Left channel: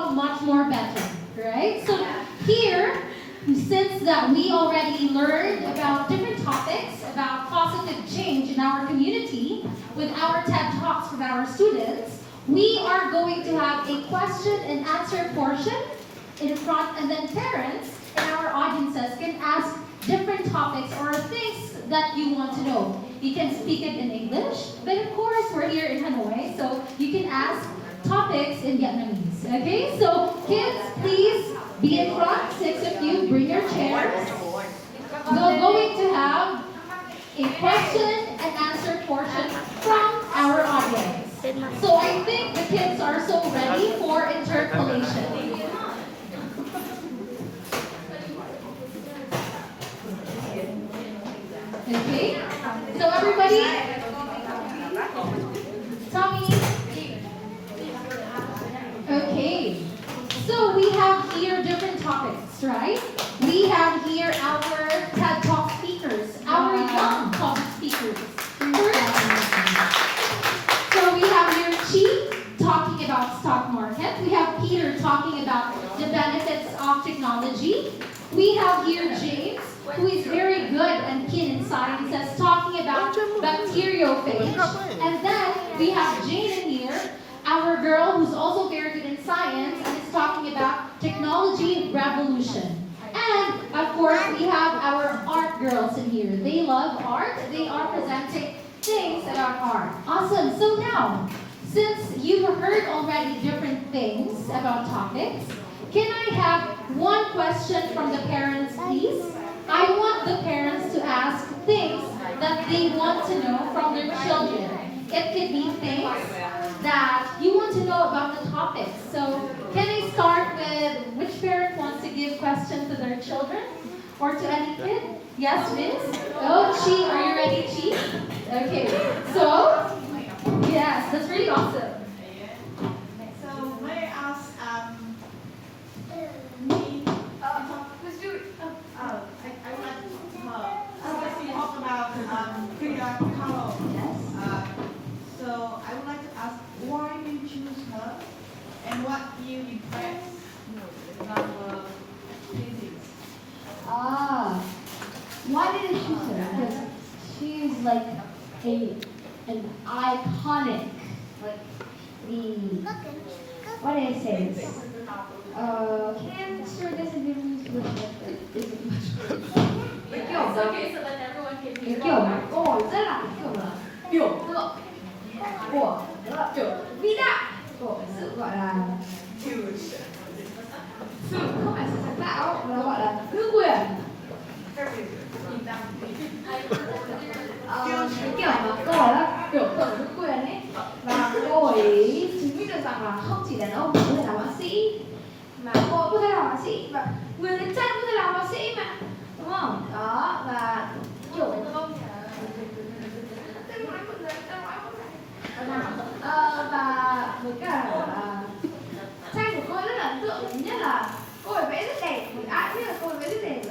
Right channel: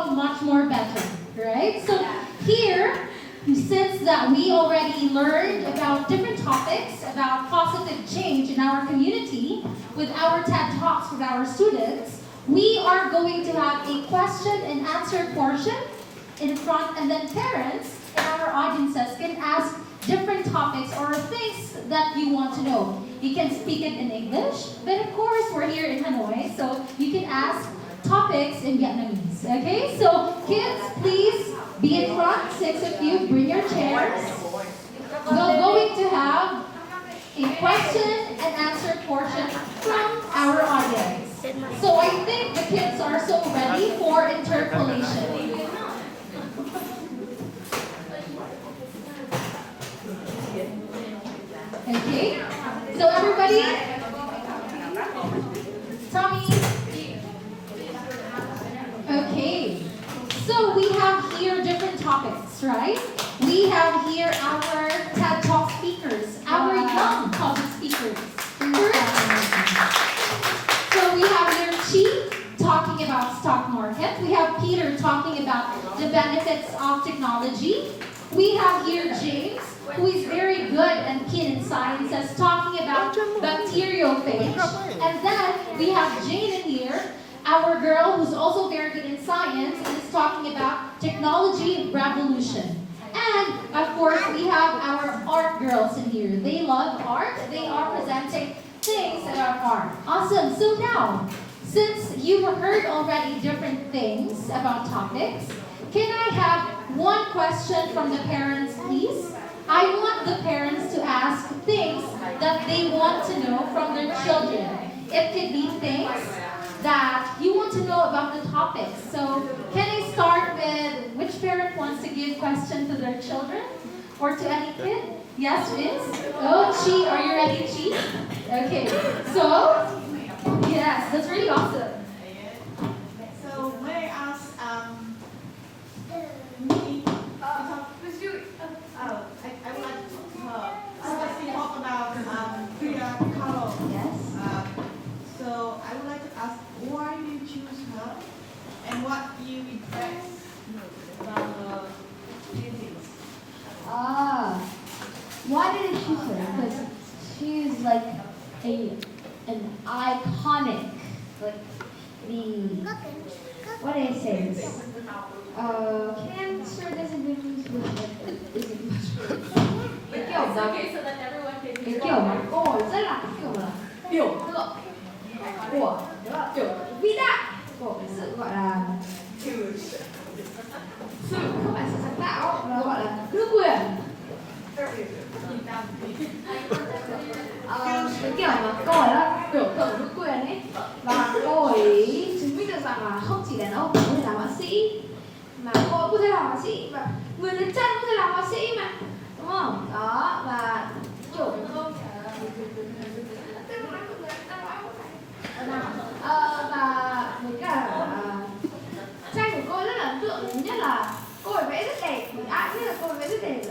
become much more better, right? So here, since that we already learned about different topics about positive change in our community with our TED Talks with our students, we are going to have a question and answer portion in front, and then parents and our audiences can ask different topics or things that you want to know. You can speak it in English, but of course we're here in Hanoi, so you can ask topics in Vietnamese. Okay, so kids, please be in front, 6 of you, bring your chairs. We're going to have a question and answer portion from our audience. So I think the kids are so ready for interpolation. Okay, so everybody, Tommy. Okay, so we have here different topics, right? We have here our TED Talk speakers, our young public speakers. So we have here Chi talking about stock market. We have Peter talking about the benefits of technology. We have here James, who is very good and keen in sciences, talking about bacteriophage. And then we have Jane in here, our girl who's also very good in science and is talking about technology revolution. And of course, we have our art girls in here. They love art. They are presenting things about art. Awesome. So now, since you've heard already different things about topics, can I have one question from the parents, please? I want the parents to ask things that they want to know from their children. It could be things that you want to know about the topics. So can I start with which parent wants to give question to their children? Or to any kid? Yes, Miss? Oh, Chi, are you ready, Chi? Okay, so, yes, that's really awesome. So may I ask, me, Let's do it. I would like to talk about Frida Kahlo. Yes. So I would like to ask, why did you choose her, and what you impressed about her paintings? Why did I choose her? Because she's like an iconic, like what did I say this? Can answer this in Vietnamese with isn't much. Cái kiểu mà Okay, so that everyone can cái hear. kiểu mà câu hỏi rất là kiểu là biểu tượng của kiểu vĩ đại của cái sự gọi là sự không phải sự sáng tạo mà gọi là nữ quyền. Cái kiểu mà cô ấy là biểu tượng của nữ quyền ấy, và cô ấy chứng minh được rằng là không chỉ đàn ông có thể làm họa sĩ mà cô ấy có thể làm họa sĩ, và người đến chân có thể làm họa sĩ mà, đúng không? Đó, và kiểu và với cả tranh của cô ấy rất là ấn tượng. Thứ nhất là cô ấy vẽ rất đẹp, mình ai biết là cô ấy vẽ rất đẹp.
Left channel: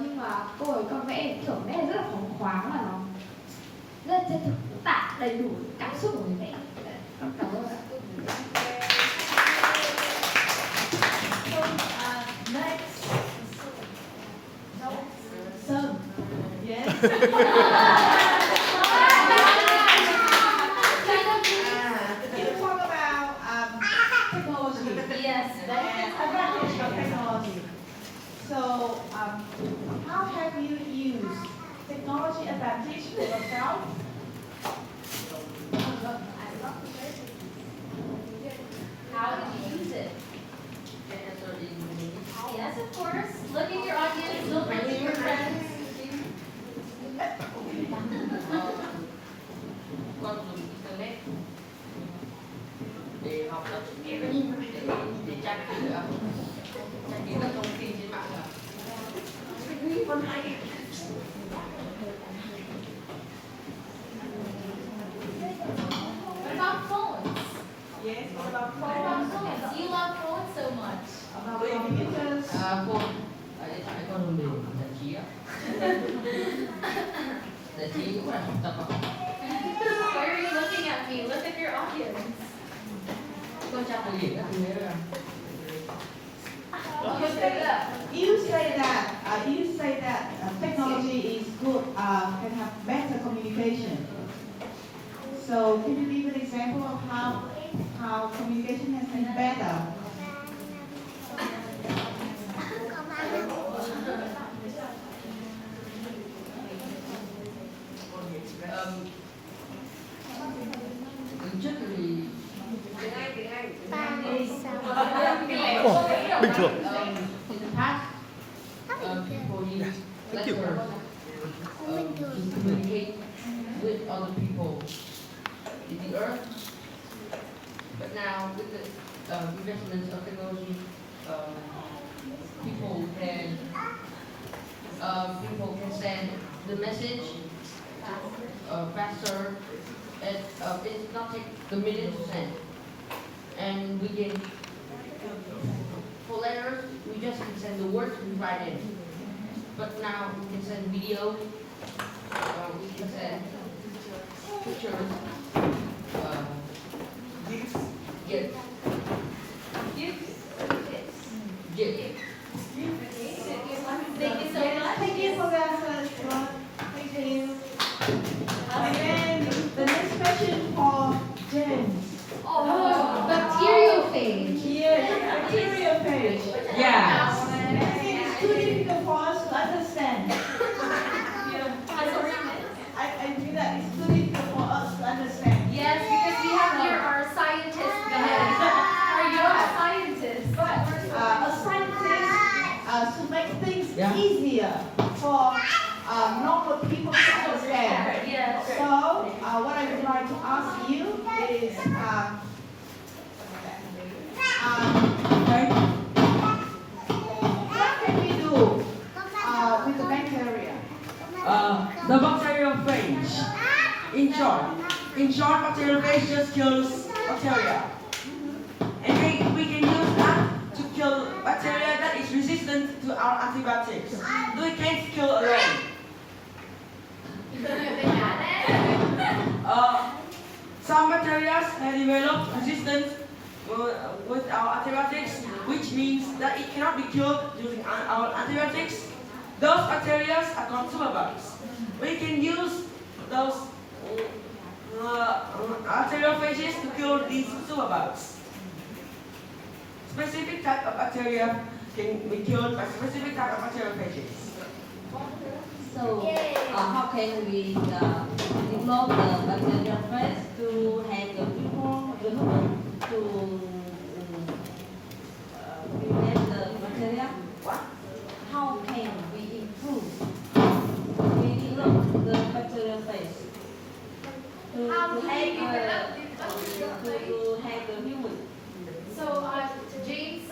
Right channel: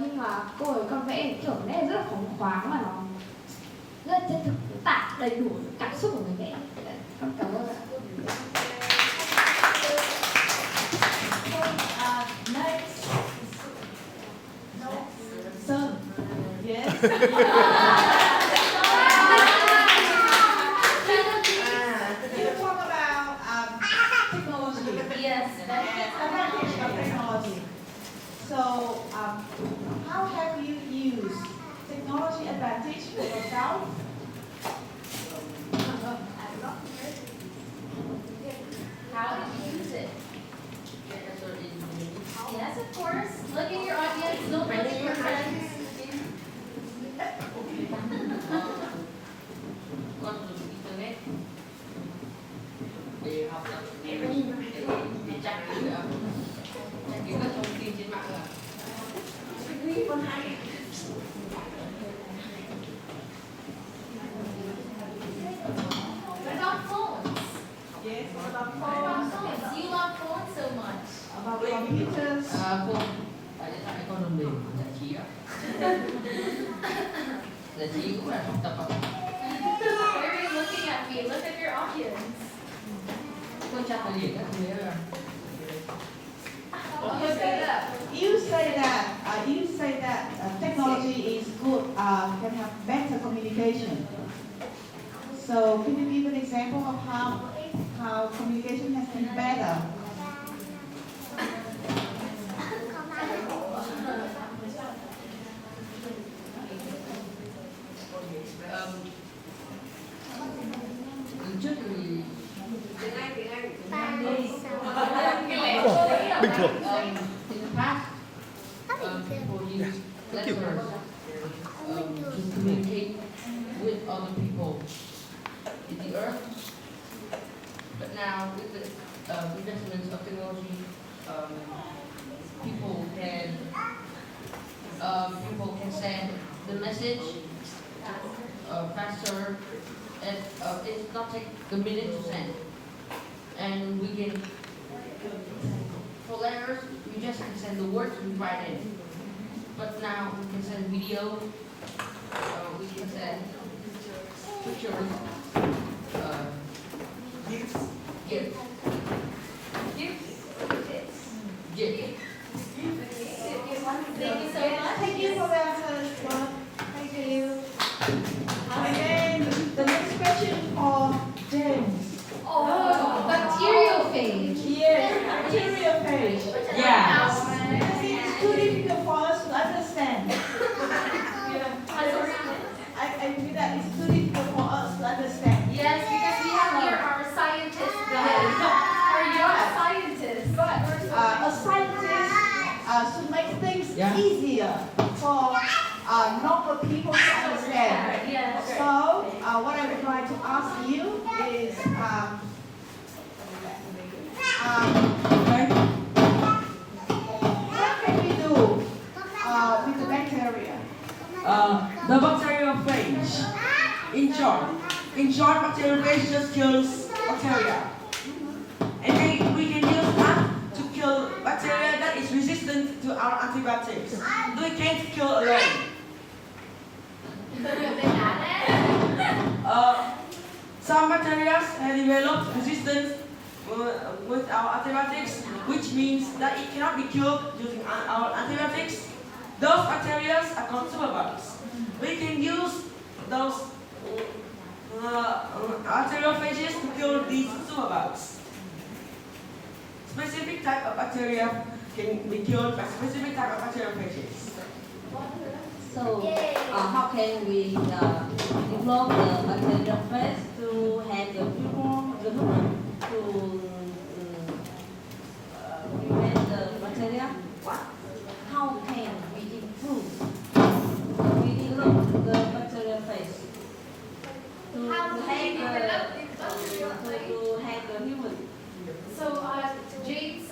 Nhưng mà cô ấy còn vẽ kiểu vẽ rất là phóng khoáng, mà nó rất chân thực, tả đầy đủ cảm xúc của người vẽ. Con cảm ơn ạ. Next. Son. Yes. You talk about technology. Yes. And advantage of technology. So, how have you used technology advantage for yourself? How did you use it? Yes, of course. Look at your audience. Don't look at your friends. Con dùng internet để học tập, để tra cứu nữa, tra cứu các thông tin trên mạng rồi. What about phones? Yes, what about What about phones? phones? You love phones so much. About computers? Phone, điện thoại con dùng để giải trí ạ. Giải trí cũng là học tập ạ. Why are you looking at me? Look at your audience. Con tra tài liệu các thứ ấy là You say that technology is good, can have better communication. So can you give an example of how communication has been better? Trước thì Bình thường. in the past, people use letters to communicate with other people in the earth. But now, with the investments of technology, people can send the message faster, and it's not take a minute to send. And we can, for letters, we just can send the words we write in. But now we can send video, we can send pictures, gifts. Gifts. Thank you so much. Thank you for the answers. Thank you. And then the next question for James. Oh, bacteriophage. Yes, material page. Yeah. I think it's too difficult for us to understand. I feel that it's too difficult for us to understand. Yes, because we have here our scientist guys. Are you a scientist? A scientist should make things Yeah. easier for normal people to understand. Yes. So, what I would like to ask you is, what can we do with the bacteria? The bacteriophage. In short, bacteriophage just kills bacteria. And then we can use that to kill bacteria that is resistant to our antibiotics. We can't kill alone. Some bacteria have developed resistance with our antibiotics, which means that it cannot be killed using our antibiotics. Those bacteria are called superbugs. We can use those bacteriophages to kill these superbugs. Specific type of bacteria can be killed by specific type of bacteriophages. So, how can we develop the bacteriophage to handle the human to prevent the bacteria? What? How can we improve? We develop the bacteriophage to handle human. So, James,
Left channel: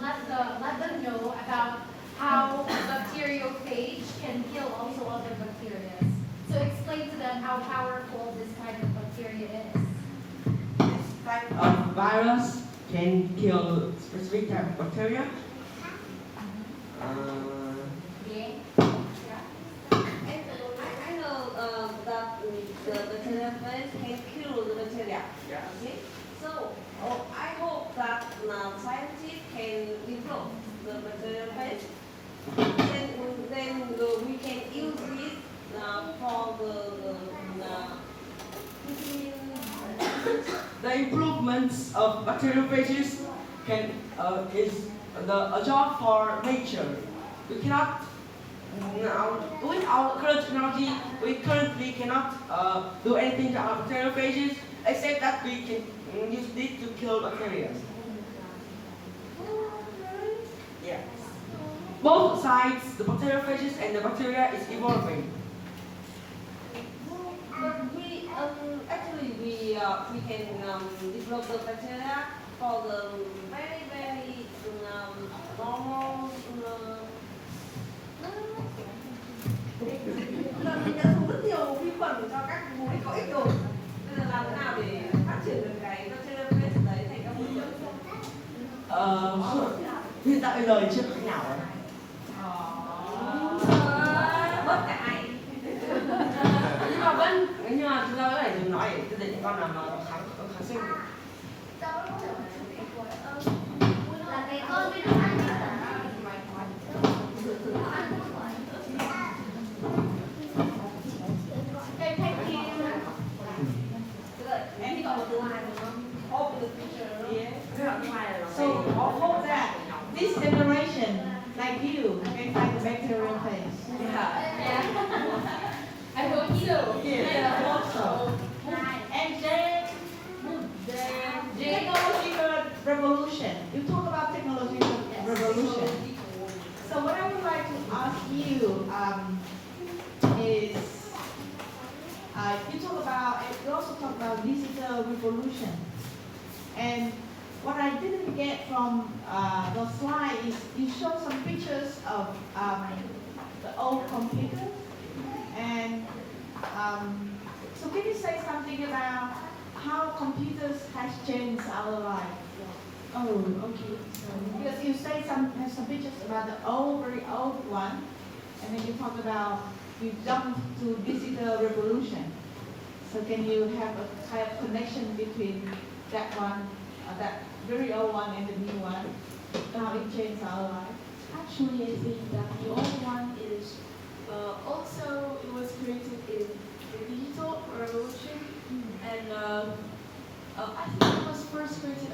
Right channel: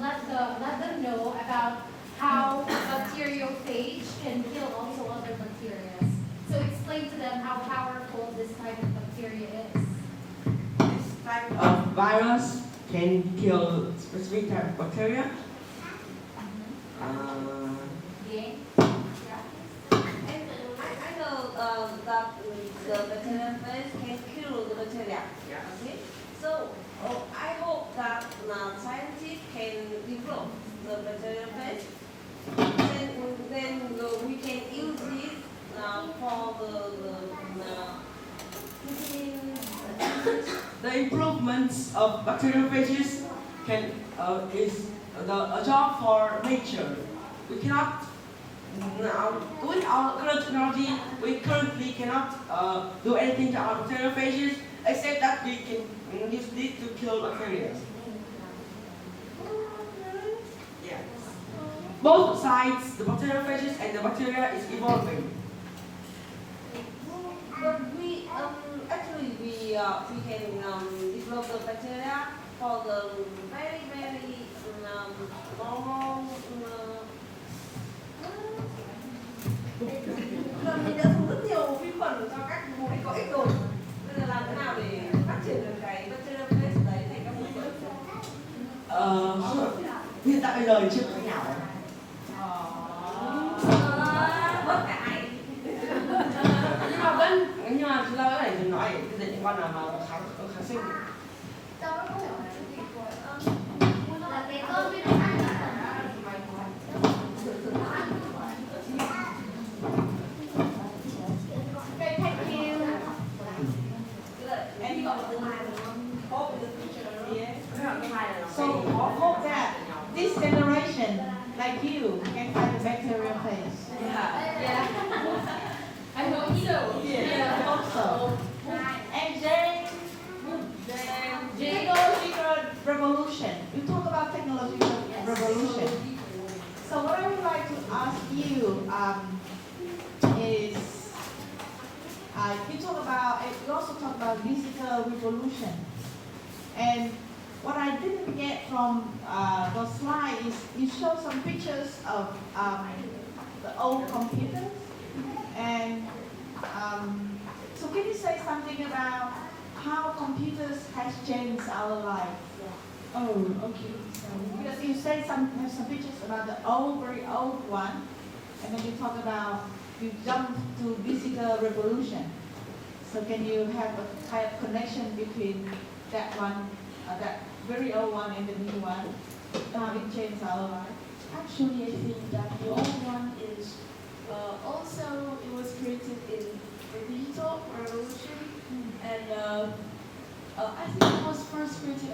let them know about how bacteriophage can kill also other bacteria. So explain to them how powerful this type of bacteria is. This type of virus can kill specific type of bacteria. I know that the bacteriophage can kill the bacteria. Yeah. Okay. So I hope that scientists can develop the bacteriophage. Then we can use it for The improvements of bacteriophages is a job for nature. We cannot now, with our current technology, we currently cannot do anything to our bacteriophages except that we can use it to kill bacteria. Yeah. Both sides, the bacteriophages and the bacteria, is evolving. But we actually we can develop the bacteria for the very normal. Mình đã dùng rất nhiều vi khuẩn cho các mục đích có ích rồi. Bây giờ làm thế nào để phát triển được cái bacteriophage đấy thành các mục đích? Hiện tại bây giờ thì chưa có cách nào. Bất cải. Nhưng mà chúng ta có thể dùng nó để tiêu diệt những con nào mà kháng sinh. Là cái con bên like you can find the bacterial phase. I hope so. Yes, I hope so. And Jane, technological revolution. You talk about technological revolution. So what I would like to ask you is, you also talk about digital revolution. And what I didn't get from the slide is you showed some pictures of the old computers. And so can you say something about how computers has changed our life? Oh, okay. So because you say some pictures about the very old one, and then you talk about you jumped to digital revolution. So can you have a kind of connection between that one, that very old one, and the new one? How it changed our life? Actually, I think that the old one is also it was created in the digital revolution, and I think it was first created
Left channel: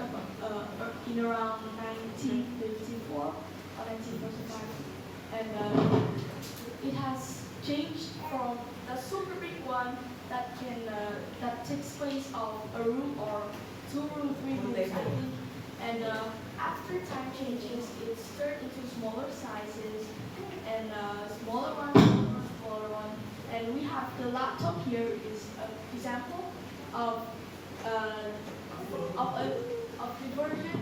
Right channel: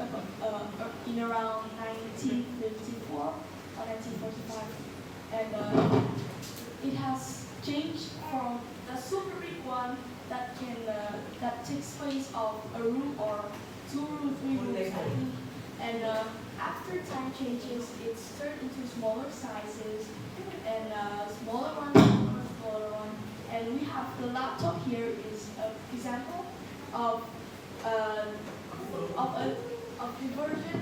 in around 1954 or 1945, and it has changed from the super big one that takes place of a room or 2 room, 3 rooms, I think. And after time changes, it's turned into smaller sizes and smaller one. And we have the laptop here is an example of the version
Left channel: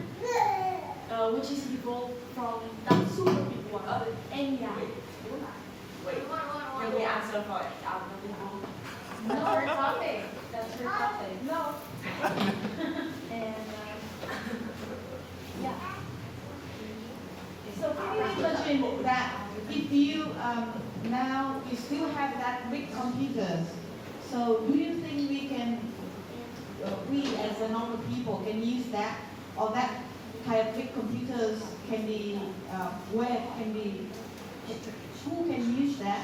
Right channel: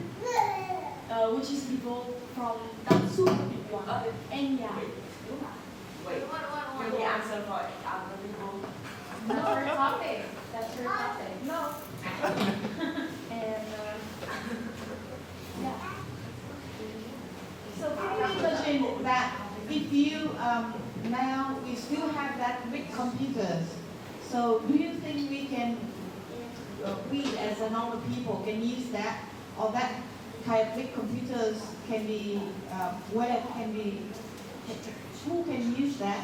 which is evolved from that super big one. And yeah. Wait, can we answer for other people? That's your topic. That's your topic. No. And yeah. So can you imagine that if you now you still have that big computers, so do you think we as a normal people can use that, or that kind of big computers can be who can use that?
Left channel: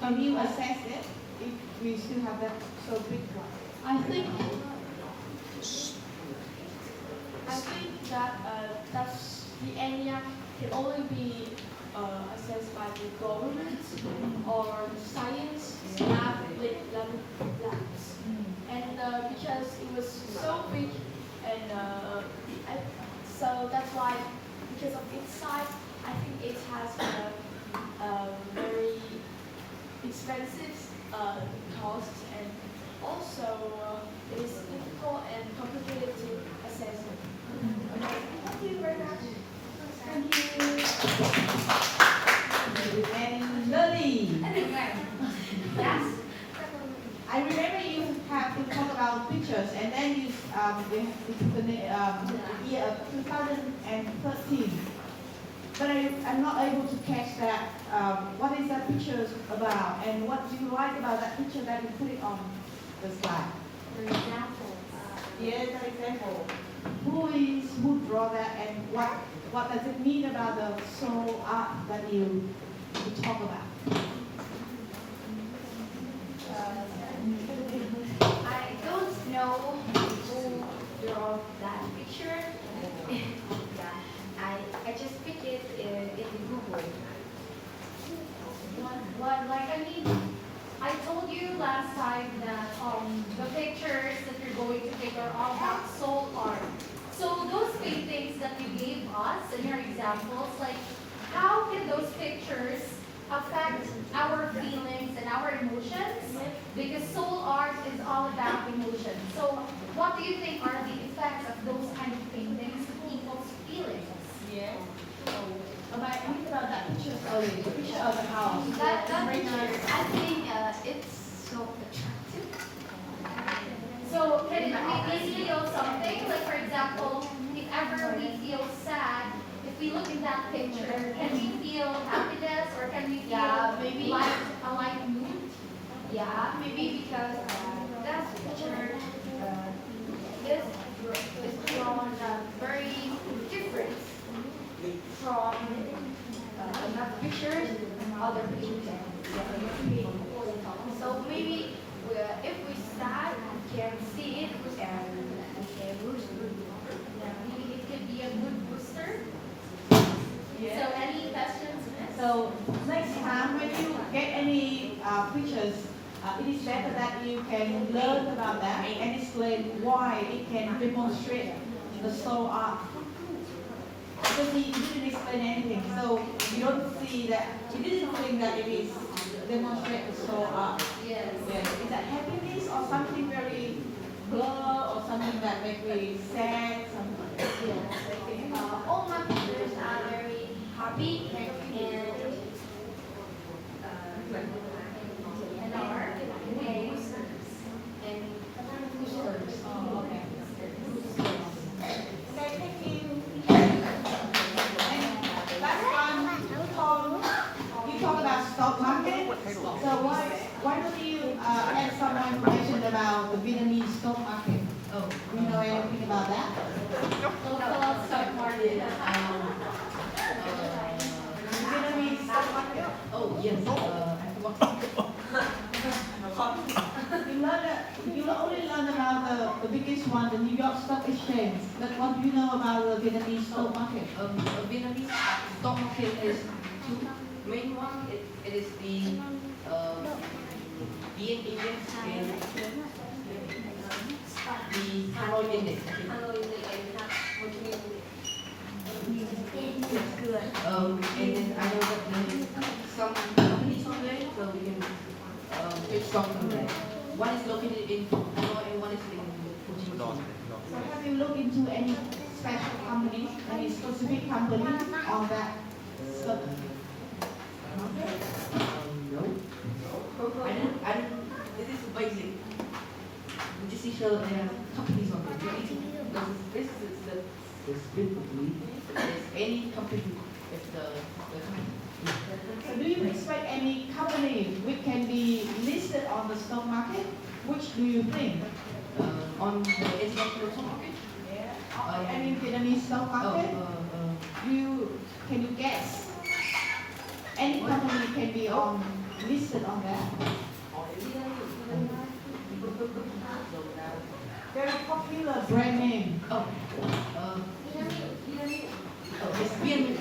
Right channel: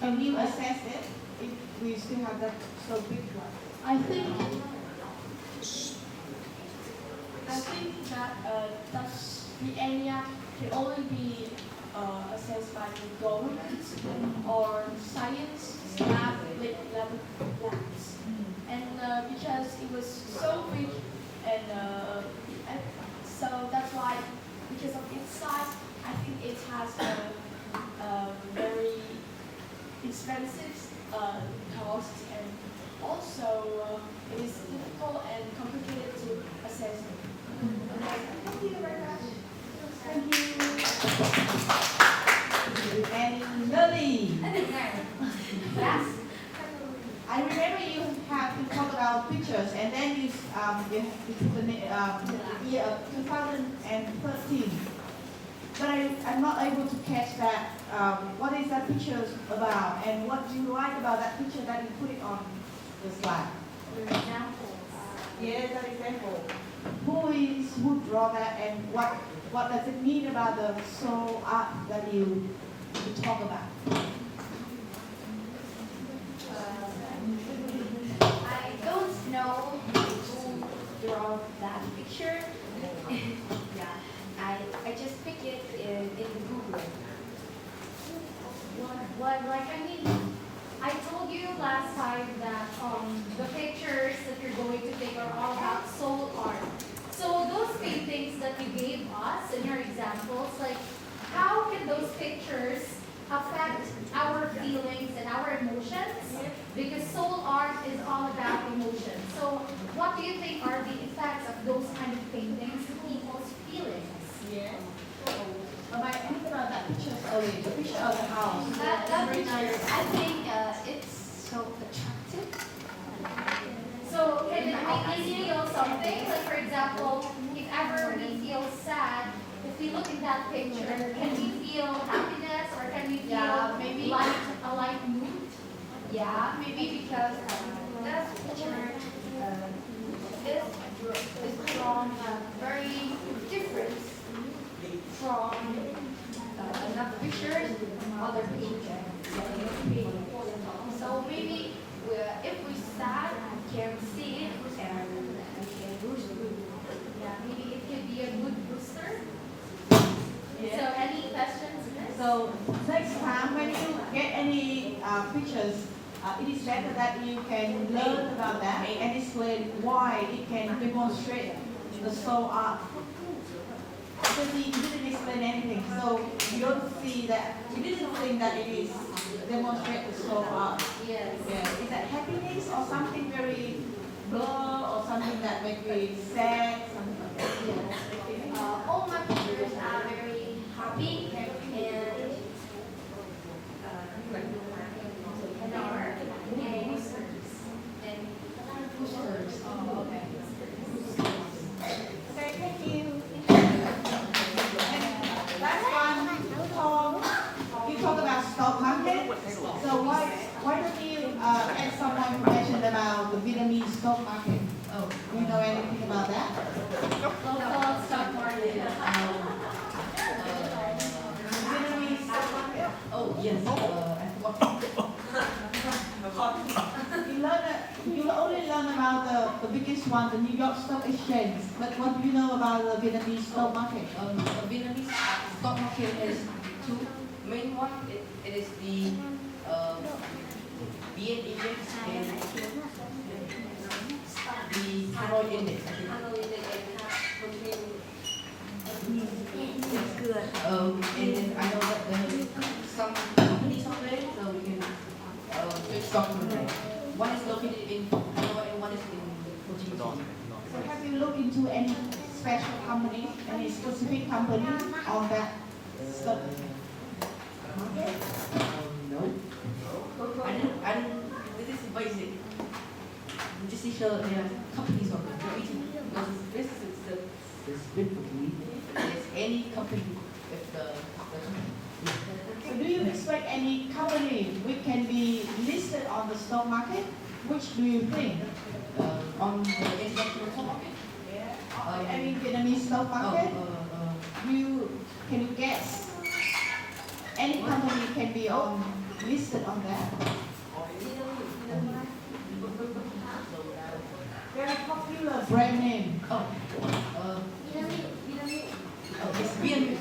Can you assess it if we still have that so big one? I think that that's the area can only be assessed by the government or science labs. And because it was so big, and so that's why, because of its size, I think it has a very expensive cost, and also it is difficult and complicated to assess. Thank you very much. Thank you. And Lily, Yes. I remember you have to talk about pictures, and then you put the year of 2013. But I'm not able to catch that. What is that picture about, and what do you like about that picture that you put it on the slide? Yes, that example. Who draw that, and what does it mean about the soul art that you talk about? I don't know who drew that picture. Yeah, I just picked it in Google. What, like, I mean, I told you last time that the pictures that you're going to take are all about soul art. So those paintings that you gave us in your examples, like, how can those pictures affect our feelings and our emotions? Because soul art is all about emotions. So what do you think are the effects of those kind of paintings to people's feelings? Yes. I think about that picture earlier, the picture of the house. That picture, I think it's so attractive. So can it make us feel something? Like, for example, if ever we feel sad, if we look at that picture, can we feel happiness, or can we feel maybe. a light mood? Yeah, maybe because that picture is drawn very different from another pictures, other pictures. So maybe if we sad, we can see it and we can boost mood. Yeah, maybe it could be a mood booster. Yes. So any questions? So next time when you get any pictures, it is better that you can learn about that and explain why it can demonstrate the soul art. Because he didn't explain anything, so you don't see that, you didn't think that it is demonstrate the soul art. Yes. Yeah. Is that happiness or something very blur or something that make me sad, something like that? All my pictures are very happy and Oh, okay. Okay, thank you. And last one, you talk about stock market. So why don't you ask someone who mentioned about the Vietnamese stock market? Oh, Do you know anything about that? Local stock market. Vietnamese stock market. oh yes, I forgot. You only learn about the biggest one, the New York Stock Exchange. But what do you know about the Vietnamese stock market? Vietnamese stock market is two main one. It is the VN index and the Hanoi index. I think. And then I know that some companies on there, so we can take stock from there. One is located in Hanoi and one is in Ho Chi Minh City. So have you looked into any special company, any specific company on that stock? No. I didn't, this is basic. This is companies on there. Very easy. Because this is the split between there's any company if the company. So do you expect any company which can be listed on the stock market? Which do you think? On the international stock market? I mean Vietnamese stock market? Can you guess? Any company can be listed on that. Very popular brand name. It's BN.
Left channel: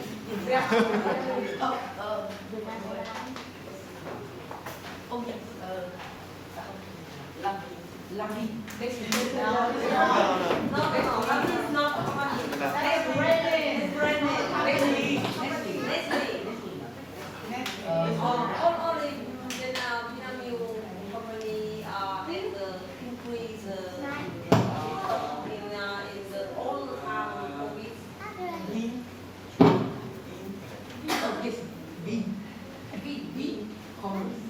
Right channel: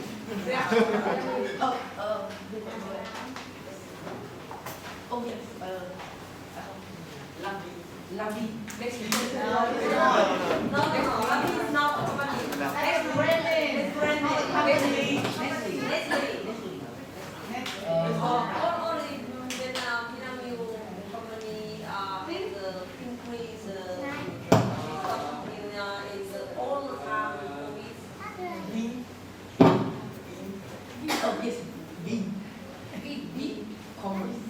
Lovely. Next week. Only Vietnamese company and increase in the all COVID. Oh yes, B. Commerce.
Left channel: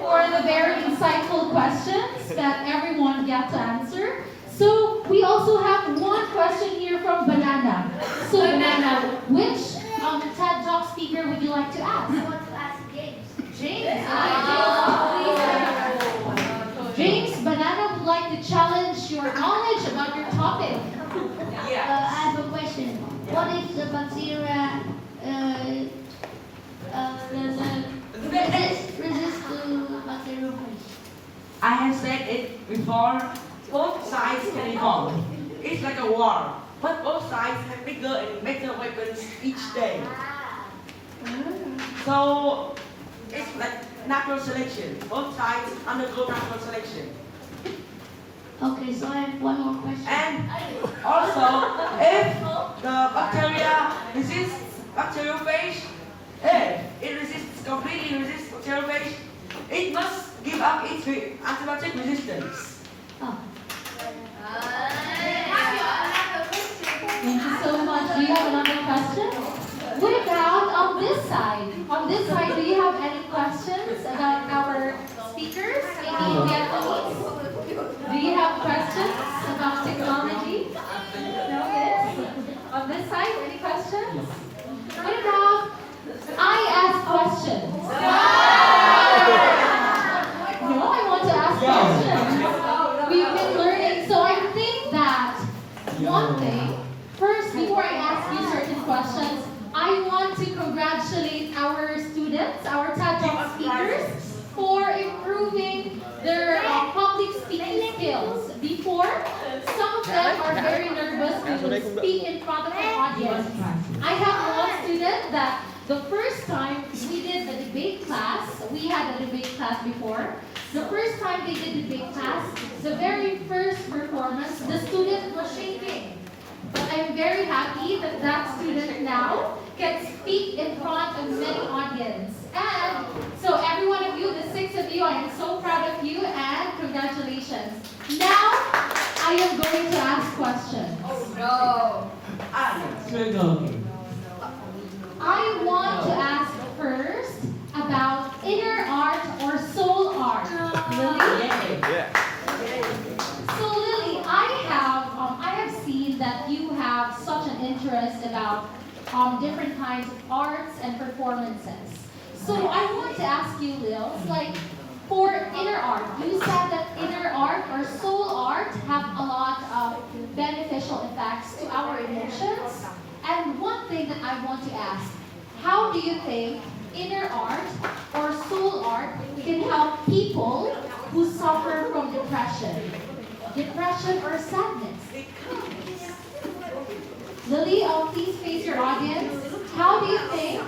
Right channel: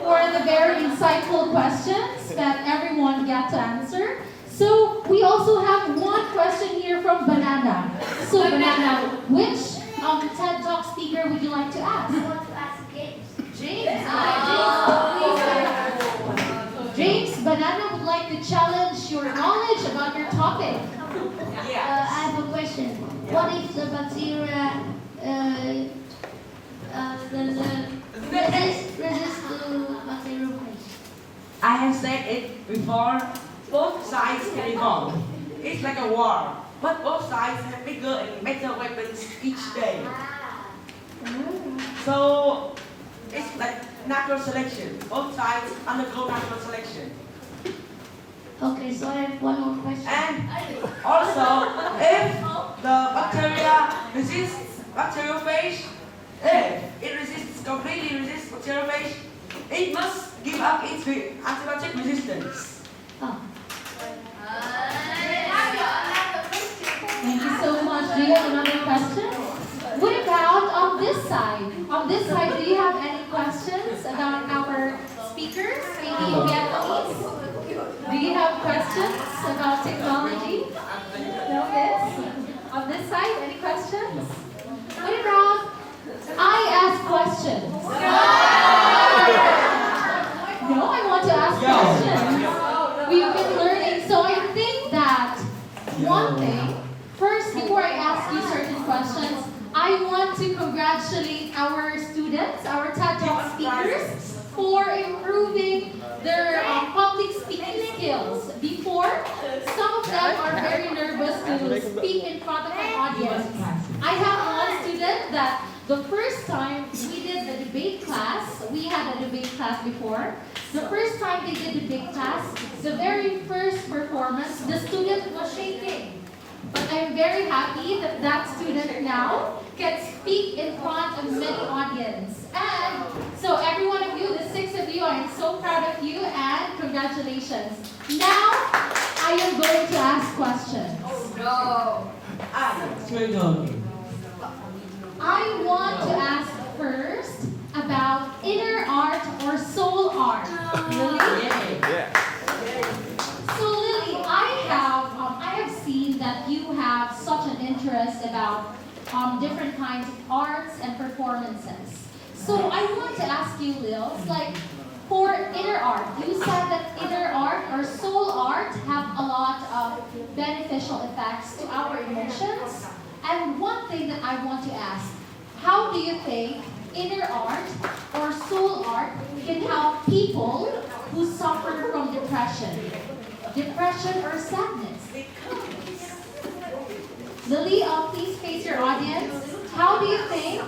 For the very insightful questions that everyone got to answer. So we also have one question here from Banana. So Banana, which TED Talk speaker would you like to ask? I want to ask James. James. James, Banana would like to challenge your knowledge about your topic. I have a question. What if the bacteria resist to bacteriophage? I have said it before, both sides can evolve. It's like a war, but both sides have bigger and better weapons each day. So it's like natural selection. Both sides undergo natural selection. Okay, so I have one more question. And also, if the bacteria resists bacteriophage, if it completely resists bacteriophage, it must give up its antibiotic resistance. Oh. Thank you so much. Do you have another question? What about on this side? On this side, do you have any questions about our speakers? Maybe in Vietnamese? Do you have questions about technology? No, yes. On this side, any questions? What about I ask questions? No, I want to ask questions. We've been learning, so I think that one thing, first before I ask you certain questions, I want to congratulate our students students, our TED Talk speakers, for improving their public speaking skills. Before, some of them are very nervous to speak in front of an audience. I have one student that the first time we did a debate class, we had a debate class before. The first time they did debate class, the very first performance, the student was shaking. But I'm very happy that that student now can speak in front of many audience. And so every one of you, the 6 of you, I am so proud of you and congratulations. Now, I am going to ask questions. I want to ask first about inner art or soul art. Lily? So Lily, I have seen that you have such an interest about different kinds of arts and performances. So I want to ask you, Lil, like for inner art, you said that inner art or soul art have a lot of beneficial effects to our emotions. And one thing that I want to ask, how do you think inner art or soul art can help people who suffer from depression or sadness? Lily, please face your audience. How do you think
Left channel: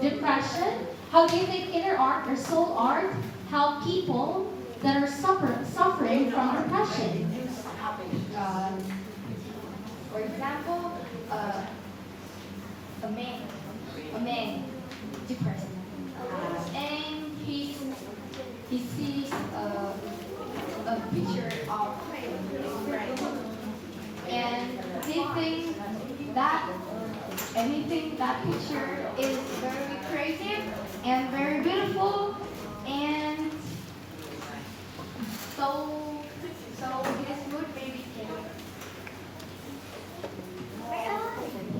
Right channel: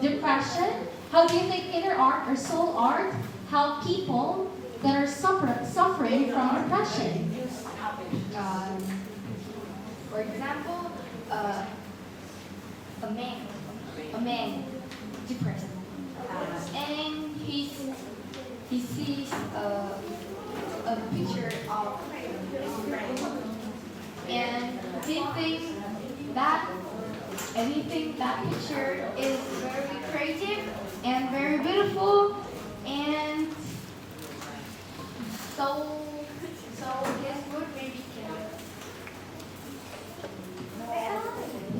depression, how do you think inner art or soul art help people that are suffering from depression? For example, a man depressed, and he sees a picture of his friend, and he thinks that picture is very creative and very beautiful, and so his mood maybe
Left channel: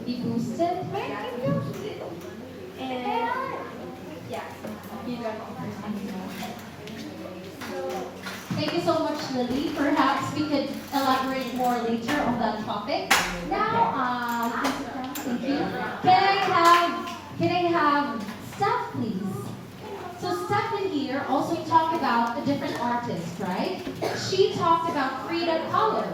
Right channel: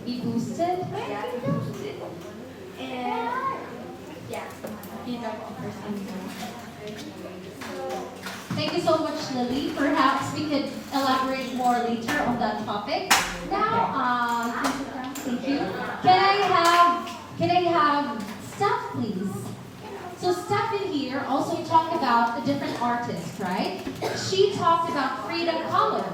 Be boosted? and yeah, he's a person. Thank you so much, Lily. Perhaps we could elaborate more later on that topic. Now, thank you. Can I have Steph, please? So Steph in here also talked about a different artist, right? She talked about Frida Kahlo.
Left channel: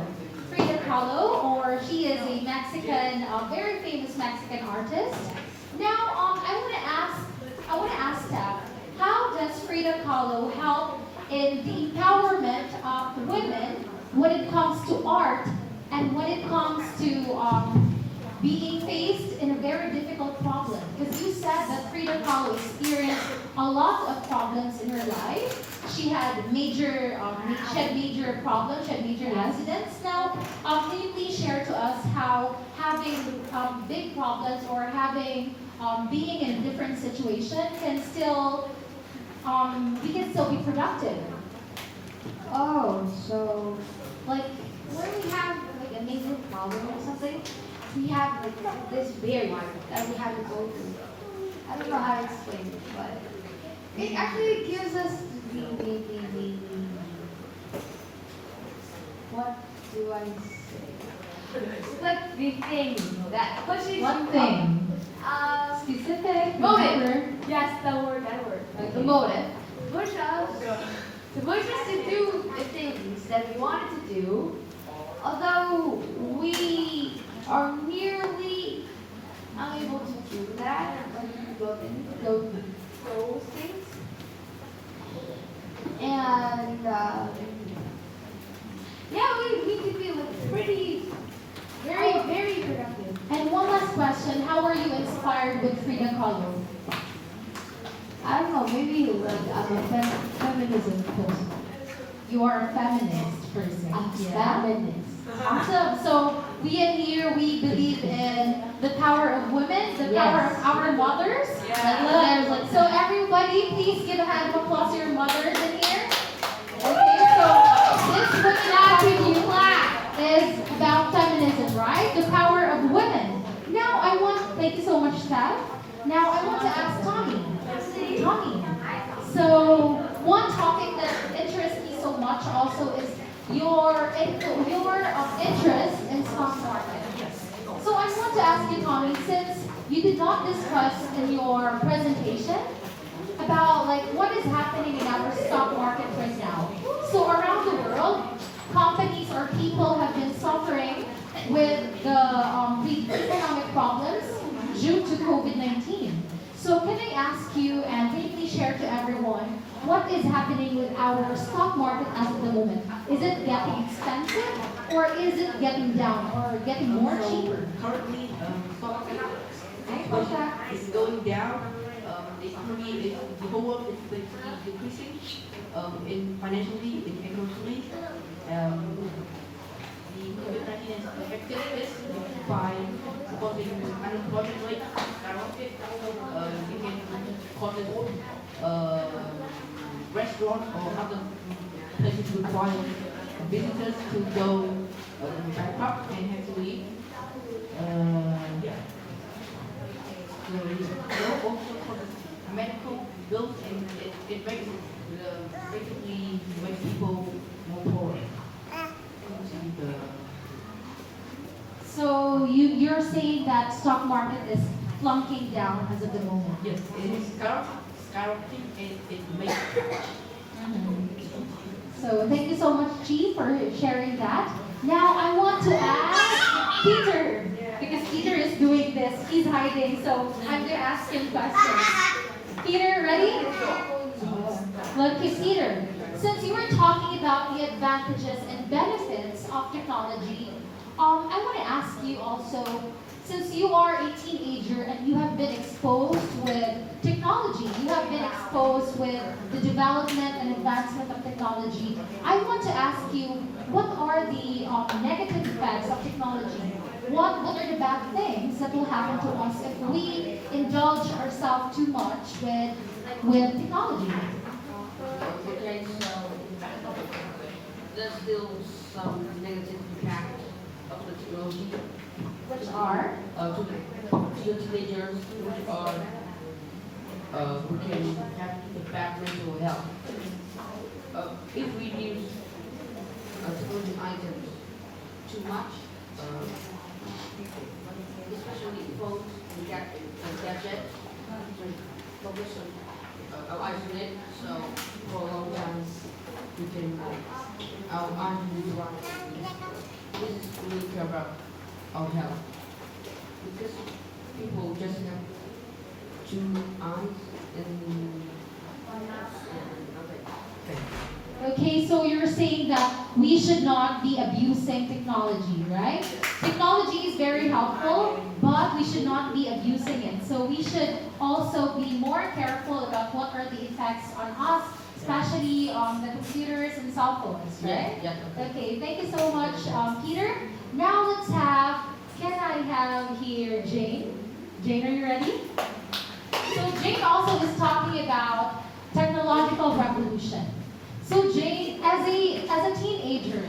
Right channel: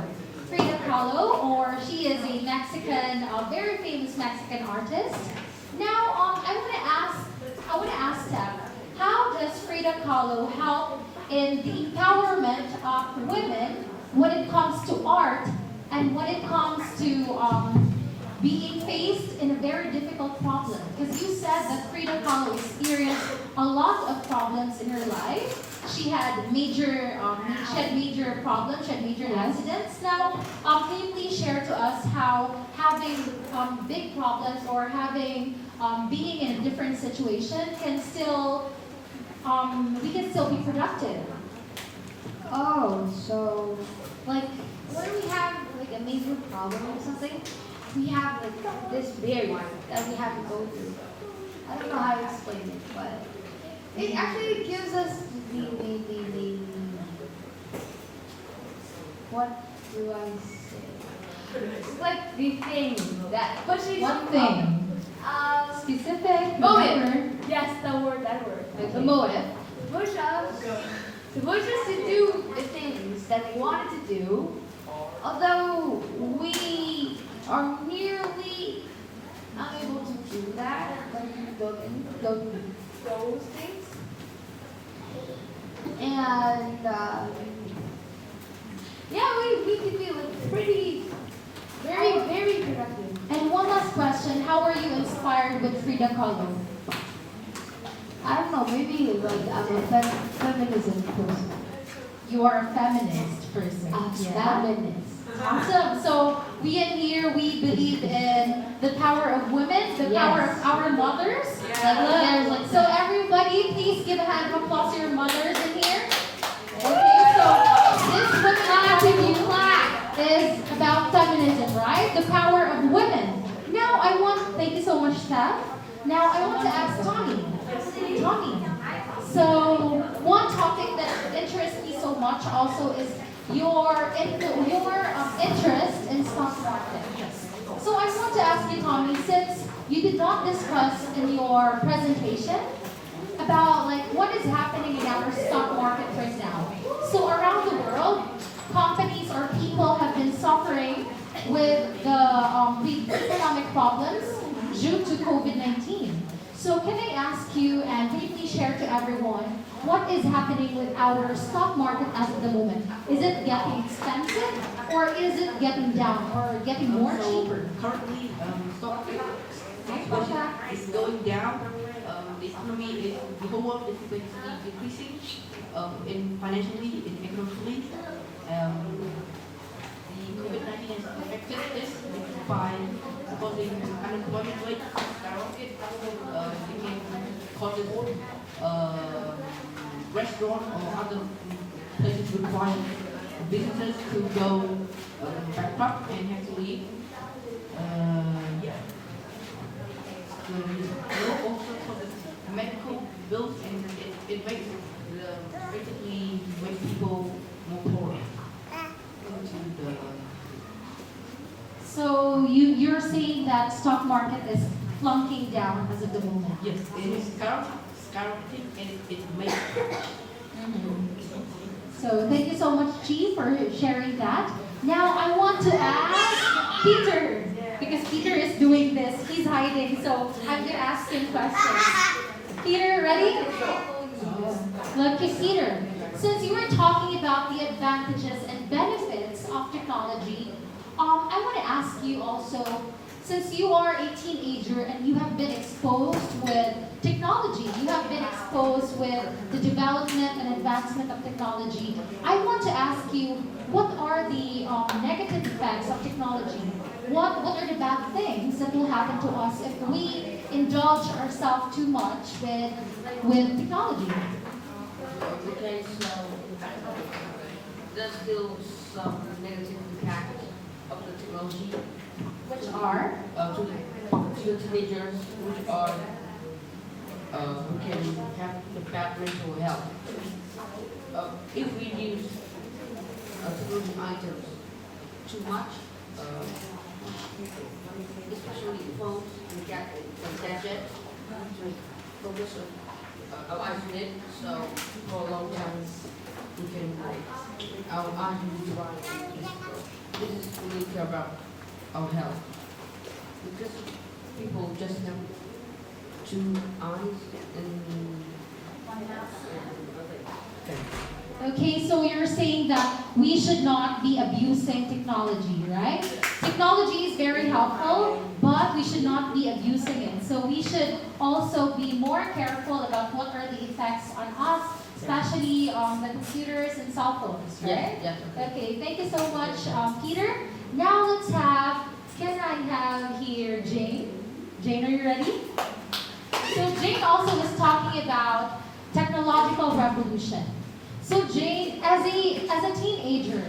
Frida Kahlo, or she is a Mexican, very famous Mexican artist. Now, I want to ask Steph, how does Frida Kahlo help in the empowerment of women when it comes to art and when it comes to being faced in a very difficult problem? Because you said that Frida Kahlo experienced a lot of problems in her life. She had major problems, she had major accidents. Now, can you please share to us how having big problems or having being in a different situation can still we can still be productive? Oh, so like when we have like a major problem or something, we have like this barrier that we have to go through. I don't know how to explain it, but it actually gives us the what do I say? It's like the thing that pushes One you thing. up. Specific. Motive. remember? Yes, that word. Okay. The motive. To push us to do the things that we wanted to do, although we are nearly unable to do that, those things. And yeah, we could be like pretty, very productive. And one last question, how are you inspired with Frida Kahlo? I don't know, maybe like I'm a feminism person. You are a feminist person. Yeah. Feminist. Awesome. So we in here, we believe in the power of women, the power of our mothers. Yeah. So everybody, please give a hand of applause to your mothers in here. Okay, so this women attribute is about feminism, right? The power of women. Now I want, thank you so much, Steph. Now I want to ask Tommy. Tommy. So one topic that interests me so much also is your interest in stock market. So I want to ask you, Tommy, since you did not discuss in your presentation about like what is happening in our stock market right now. So around the world, companies or people have been suffering with the economic problems due to COVID-19. So can I ask you and can you please share to everyone what is happening with our stock market as of the moment? Is it getting expensive or is it getting down or getting more cheaper? Currently, stock market is going down. The economy, the whole world is basically decreasing in financially, in economically. The COVID-19 has affected this by causing unemployment rate skyrocket. It can cause restaurants or other places require visitors to go bankrupt and have to leave. Also causes medical bills and it makes basically when people more poor. So you're saying that stock market is flunking down as of the moment? Yes, it is skyrocketing and it makes So thank you so much, Chi, for sharing that. Now I want to ask Peter, because Peter is doing this. He's hiding, so I'm going to ask him questions. Peter, ready? Okay, Peter, since you were talking about the advantages and benefits of technology, I want to ask you also, since you are a teenager and you have been exposed with technology, you have been exposed with the development and advancement of technology, I want to ask you, what are the negative effects of technology? What are the bad things that will happen to us if we indulge ourselves too much with technology? Okay, so there's still some negative impact of the technology. Which are? To the teenagers which are who can have the bad mental health. If we use technology items too much, especially phones and gadgets, focus on our eyes on it, so for a long time we can our eyes will be right. This is really care about our health. Because people just have two eyes and Okay, so you're saying that we should not be abusing technology, right? Technology is very helpful, but we should not be abusing it. So we should also be more careful about what are the effects on us, especially on the computers and cell phones, right? Yeah. Okay, thank you so much, Peter. Now let's have, can I have here Jane? Jane, are you ready? So Jane also was talking about technological revolution. So Jane, as a teenager,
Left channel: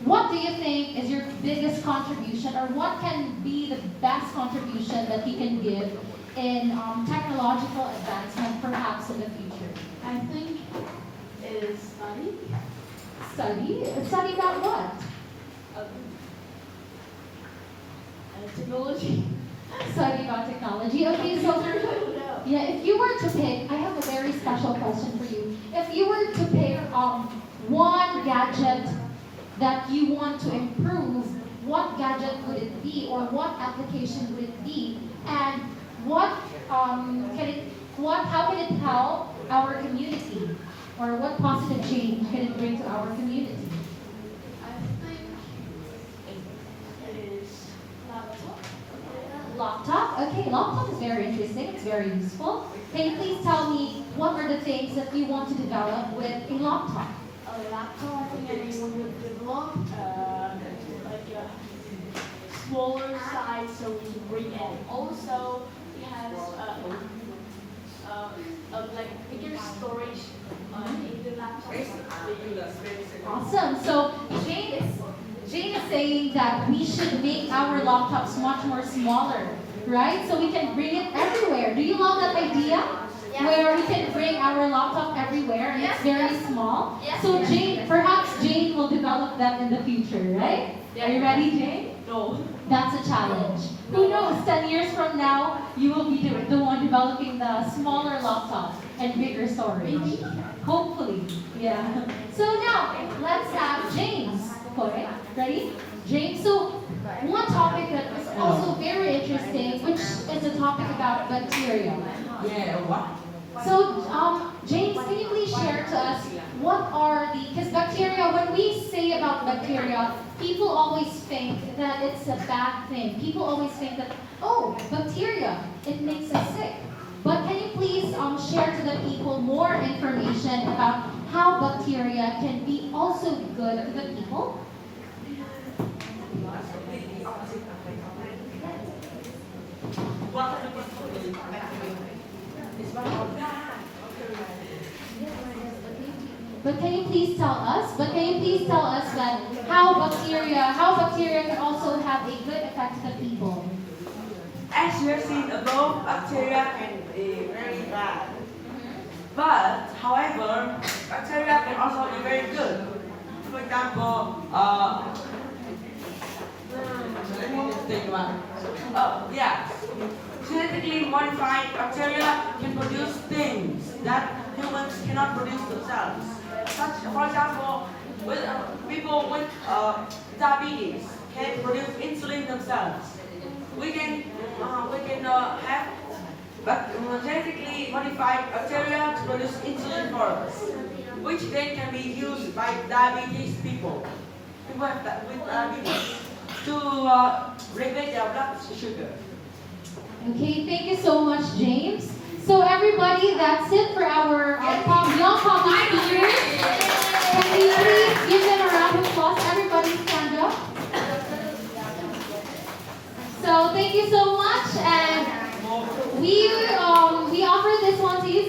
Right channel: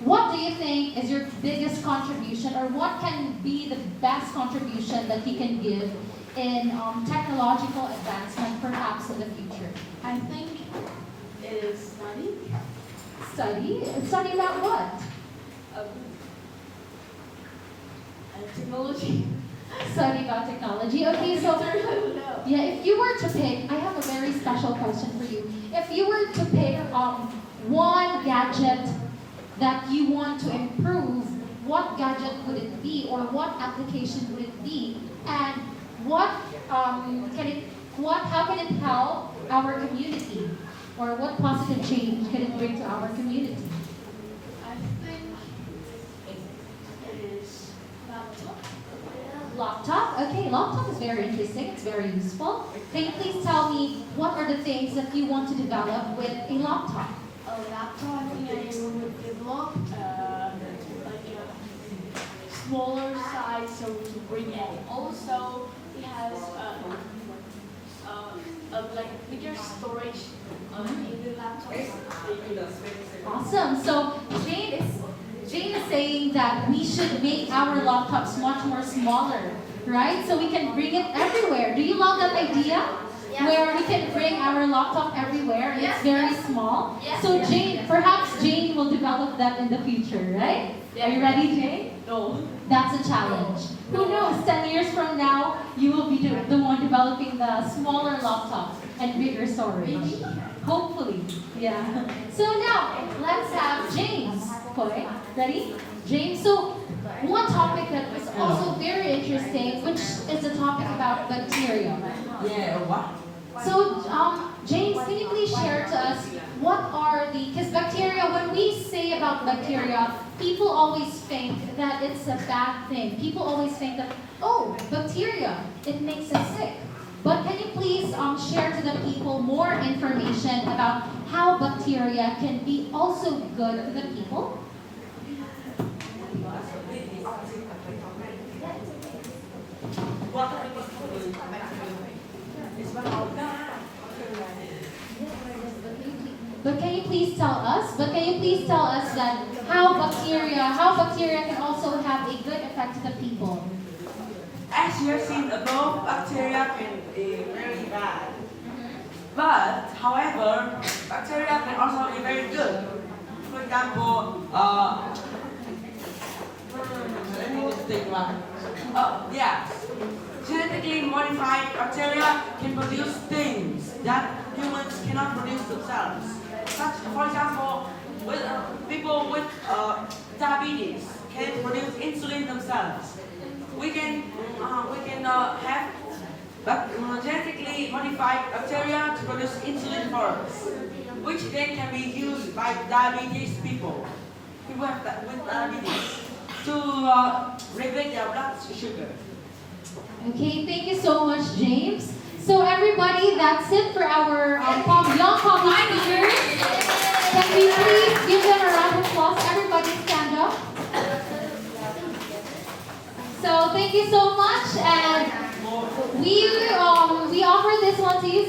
what do you think is your biggest contribution, or what can be the best contribution that you can give in technological advancement, perhaps in the future? I think it is study. Study about what? Technology. Study about technology. Okay, so yeah, if you were to pick, I have a very special question for you. If you were to pick one gadget that you want to improve, what gadget would it be, or what application would it be, and how can it help our community, or what positive change can it bring to our community? I think it is laptop. Laptop? Okay, laptop is very interesting. It's very useful. Can you please tell me what are the things that you want to develop with a laptop? A laptop, I think I would develop like a smaller size so we can bring it. Also, it has like bigger storage in the laptop. Awesome. So Jane is saying that we should make our laptops much more smaller, right? So we can bring it everywhere. Do you love that idea? Where we can bring our laptop everywhere and it's very small. So Jane, perhaps Jane will develop that in the future, right? Are you ready, Jane? No. That's a challenge. Who knows, 10 years from now, you will be the one developing developing the smaller laptop and bigger storage. Hopefully, yeah. So now, let's have James. Okay, ready? James, so one topic that is also very interesting, which is a topic about bacteria. Yeah, what? So, James, can you please share to us what are because bacteria, when we say about bacteria, people always think that it's a bad thing. People always think that, oh, bacteria, it makes us sick. But can you please share to the people more information about how bacteria can be also good to the people? But can you please tell us? That how bacteria can also have a good effect to the people? As you have seen above, bacteria can be very bad. But, however, bacteria can also be very good. For example, let me just think one. Yeah. Genetically modified bacteria can produce things that humans cannot produce themselves. Such, for example, with, people with diabetes can produce insulin themselves. We can have genetically modified bacteria to produce insulin for us, which then can be used by diabetes people. People with diabetes to regulate their blood sugar. Okay, thank you so much, James. So everybody, that's it for our young public speakers. Can we please give them a round of applause? Everybody stand up. So thank you so much, and we offer this one to you.